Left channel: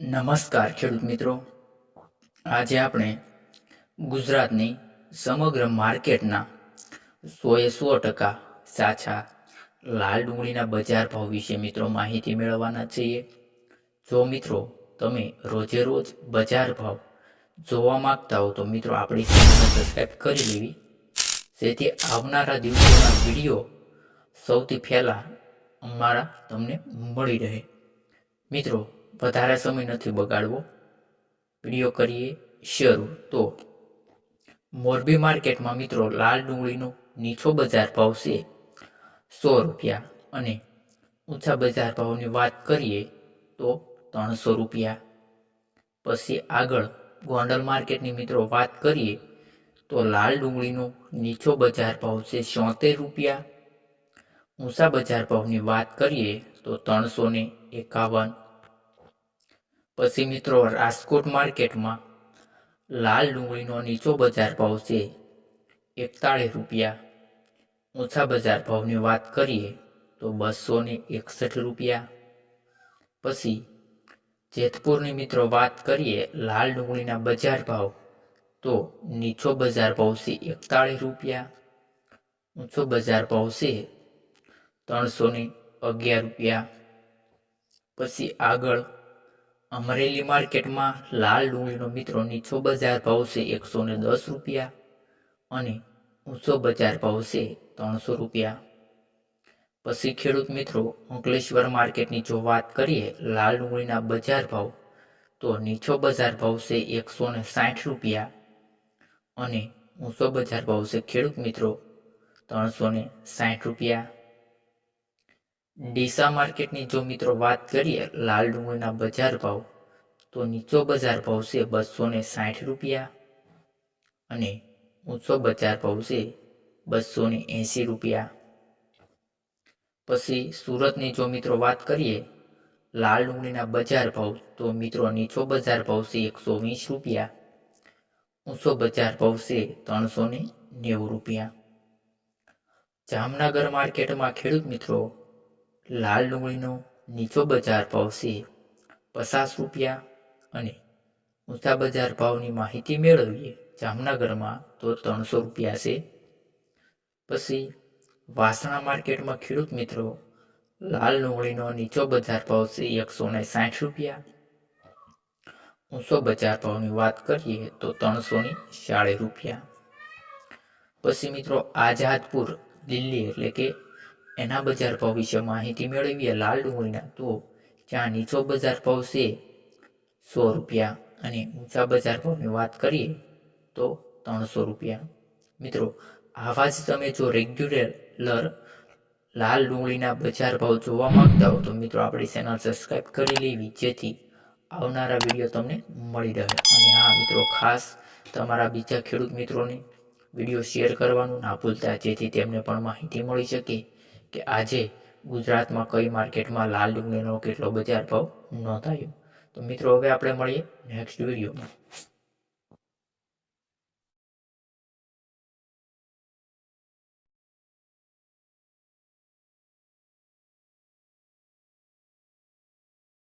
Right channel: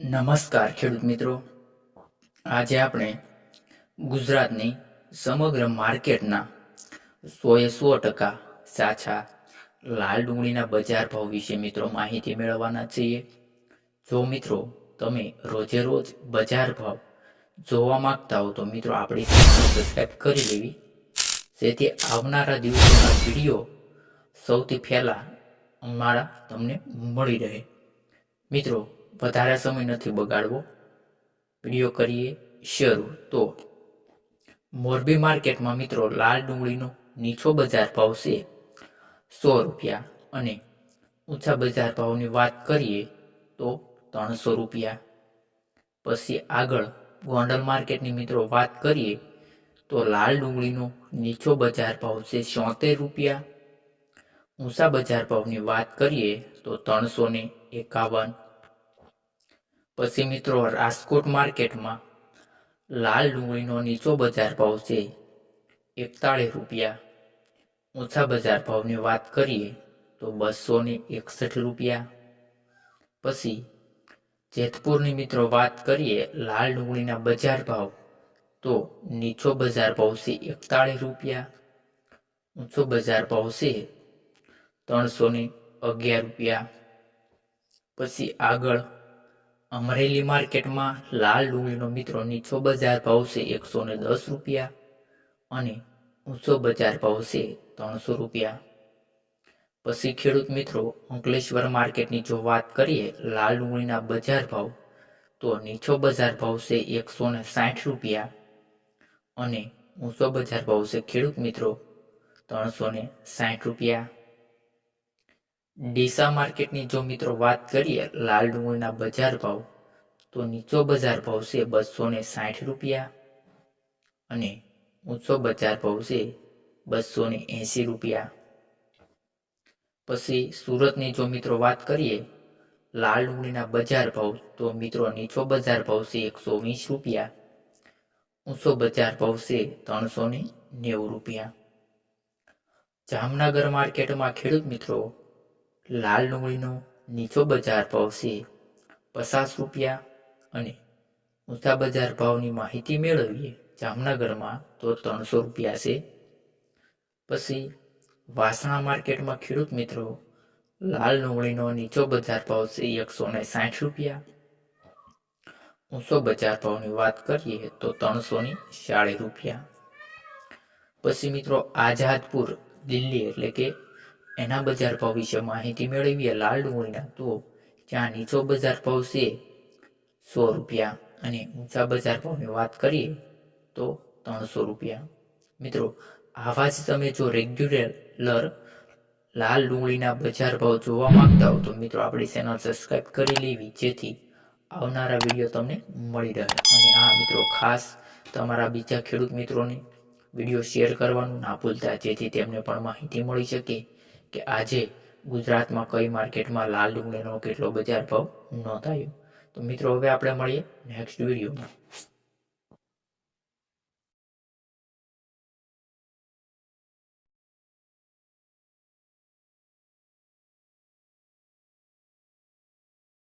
નમસ્કાર ખેડૂત મિત્રો, આજે આપણે ગુજરાતની સમગ્ર માર્કેટના 100% સાચા લાલ ડુંગળીના બજાર ભાવ વિશે મિત્રો માહિતી મેળવવાના છીએ। જો મિત્રો તમે રોજે રોજ બજાર ભાવ જોવા માંગતા હો તો મિત્રો આપણી ચેનલ સબસ્ક્રાઈબ કરી લેવી, જેથી આવનારા દિવસોના વિડીયો સૌથી પહેલા અમારા તમને મળી રહે। મિત્રો વધારે સમય નથી બગાડવો, વિડીયો કરીએ શરૂ। તો મોરબી માર્કેટમાં મિત્રો લાલ ડુંગળીનો નીચો બજાર ભાવ છે 100 રૂપિયા અને ઊંચા બજાર ભાવની વાત કરીએ તો 300 રૂપિયા। પછી આગળ ગોંડલ માર્કેટની મિત્રો વાત કરીએ તો લાલ ડુંગળીનો નીચો બજાર ભાવ છે 76 રૂપિયા। ઊંચા બજાર ભાવની વાત કરીએ તો 351। પછી મિત્રો રાજકોટ માર્કેટમાં લાલ ડુંગળીનો નીચો બજાર ભાવ છે 41 રૂપિયા। ઊંચા બજાર ભાવની વાત કરીએ તો 261 રૂપિયા। પછી જેતપુરની મિત્રો વાત કરીએ લાલ ડુંગળીના બજાર ભાવ તો નીચો બજાર ભાવ છે 41 રૂપિયા, ઊંચો બજાર ભાવ છે 311 રૂપિયા। પછી આગળ અમરેલી માર્કેટમાં લાલ ડુંગળીનો મિત્રો નીચો બજાર ભાવ છે 110 રૂપિયા અને ઊંચો બજાર ભાવ છે 300 રૂપિયા। પછી ખેડૂત મિત્રો અંકલેશ્વર માર્કેટની જો વાત કરીએ લાલ ડુંગળીના બજાર ભાવ તો નીચો બજાર ભાવ છે 160 રૂપિયા અને ઊંચો બજાર ભાવ છે ખેડૂત મિત્રો 360 રૂપિયા। ડીસા માર્કેટની જો મિત્રો વાત કરીએ લાલ ડુંગળીના બજાર ભાવ તો નીચો બજાર ભાવ છે 260 રૂપિયા અને ઊંચો બજાર ભાવ છે 280 રૂપિયા। પછી સુરતની જો મિત્રો વાત કરીએ લાલ ડુંગળીના બજાર ભાવ તો મિત્રો નીચો બજાર ભાવ છે 120 રૂપિયા, ઊંચો બજાર ભાવ છે 390 રૂપિયા। જામનગર માર્કેટમાં ખેડૂત મિત્રો લાલ ડુંગળીનો નીચો બજાર ભાવ છે 50 રૂપિયા અને ઊંચા બજાર ભાવની માહિતી મેળવીએ જામનગરમાં તો 300 રૂપિયા છે। પછી વાસણા માર્કેટમાં ખેડૂત મિત્રો લાલ ડુંગળીનો નીચો બજાર ભાવ છે 160 રૂપિયા, ઊંચો બજાર ભાવની વાત કરીએ તો 340 રૂપિયા। પછી મિત્રો આઝાદપુર દિલ્હી એટલે કે એના બજાર ભાવ વિશે માહિતી મેળવીએ લાલ ડુંગળીના તો ત્યાં નીચો બજાર ભાવ છે 100 રૂપિયા અને ઊંચા બજાર ભાવની વાત કરીએ તો 300 રૂપિયા। મિત્રો આવા જ તમે જો રેગ્યુલર લાલ ડુંગળીના બજાર ભાવ જોવા માંગતા હો તો મિત્રો આપણી ચેનલ સબસ્ક્રાઈબ કરી લેવી, જેથી આવનારા વિડીયો તમને મળી રહે। અને હા મિત્રો, ખાસ તમારા બીજા ખેડૂત મિત્રોને વિડીયો શેર કરવાનું ના ભૂલતા, જેથી તેમને પણ માહિતી મળી શકે કે આજે ગુજરાતમાં કઈ માર્કેટમાં લાલ ડુંગળીનો કેટલો બજાર ભાવ નોંધાયો। તો મિત્રો હવે આપણે મળીએ નેક્સ્ટ વિડીયોમાં।